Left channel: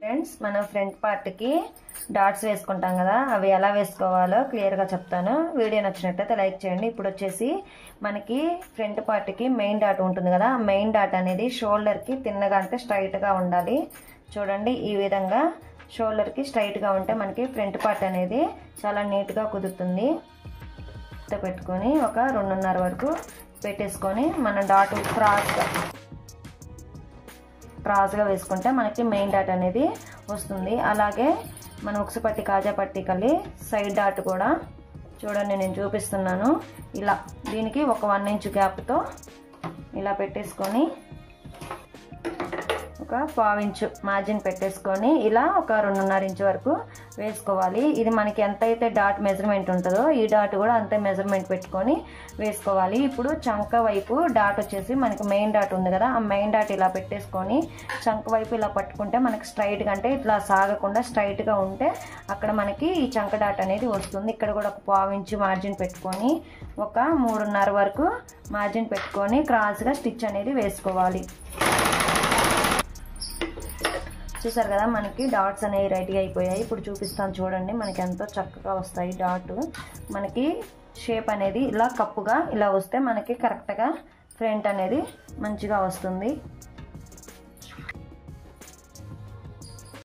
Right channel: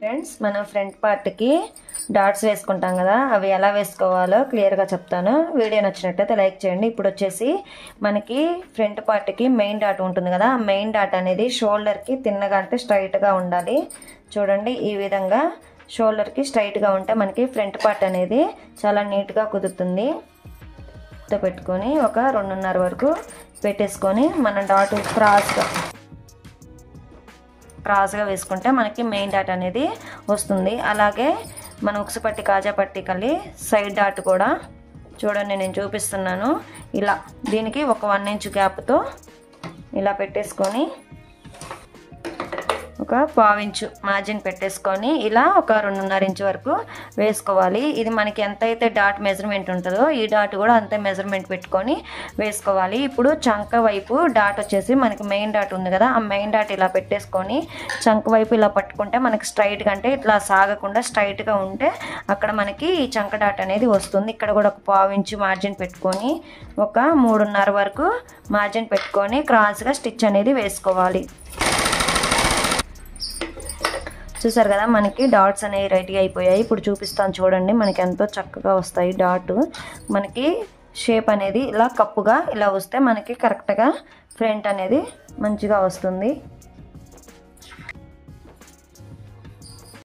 Friends, మనం front పార్ట్కి dots వేసుకుంటాం కదా, అవి ఎలా వేసుకోవాలో క్లియర్గా చెప్తాను. వీడియో నచ్చినట్టయితే లైక్ చేయండి. ఇప్పుడు వచ్చేసి మనకి ఫ్రంట్ పార్ట్కి మెయిన్ డాట్ ఉంటుంది కదా, ఆ మెయిన్ డాట్ అనేది షోల్డర్కి తిన్నగా అంటే స్ట్రైట్గా ఉండాలి. చూడండి, ఈ విధంగా షోల్డర్కి స్ట్రైట్గా ఉంటే మనకి ఫ్రంట్ పార్ట్ అనేది చాలా నీట్గా కుదురుతుంది. పెట్టుకొని ఒక 2.5 వరకు పెట్టేసుకొని మనం డాట్ క్రాస్గా వేసుకుంటే మనకి మెయిన్ డాట్ అనేది వస్తుంది. అలాగే మన ఉక్సు పట్టి కాజా పట్టి కలి సైడ్ డాట్ కూడా చూడండి, నేను చూపిస్తున్నాను. ఇలా దీనికి ఒక 1 ఇంచ్ గ్యాప్తో ఇలా పెట్టేసుకొని ఒక 1/4 ఇంచు మార్జిన్ పెట్టేసుకొని ఇలా ఒక 2.5 ఇంచ్ వరకు వేసుకోవాలి. ఇది మనకి ఎంతైతే డాట్ మెజర్మెంట్ ఉంటుందో ఈ డాట్ కూడా అంతే మెజర్మెంట్ పెట్టుకొని వేసుకోవాలి. ఇప్పుడు చంక వైపు డాట్ వచ్చేసి మనకి మెయిన్ డాట్ ఉంది కదా, ఆ మెయిన్ డాట్ ఇలా పెట్టేసుకొని చంక వైపు ఇలా పట్టుకుంటే మనకి స్ట్రైట్గా అంటే ఇట్లా సాగకుండా స్ట్రైట్గా ఉంటే అక్కడ మనకి ఈ చంక డాట్ అనేది వస్తుంది. ఇక్కడ కూడా ఒక 1/4 ఇంచు మార్జిన్ పెట్టుకొని ఒక 3.5 వరకు మార్జిన్ పెట్టుకొని క్రాస్గా స్టిచ్ అనేది వేసుకోవాలి. చూసారు కదా, మనకి డాట్స్ అనేవి రెడీ అయిపోయాయి. ఇప్పుడు చూపిస్తాను చూడండి, మనకి ఎంతో చక్కగా వస్తాయి డాట్. మనకి షేప్ అనేది ఇలా కప్పుగా ఇలా వస్తే మనకి కరెక్ట్గా ఫ్రంట్ అనేది మంచిగా వస్తుంది.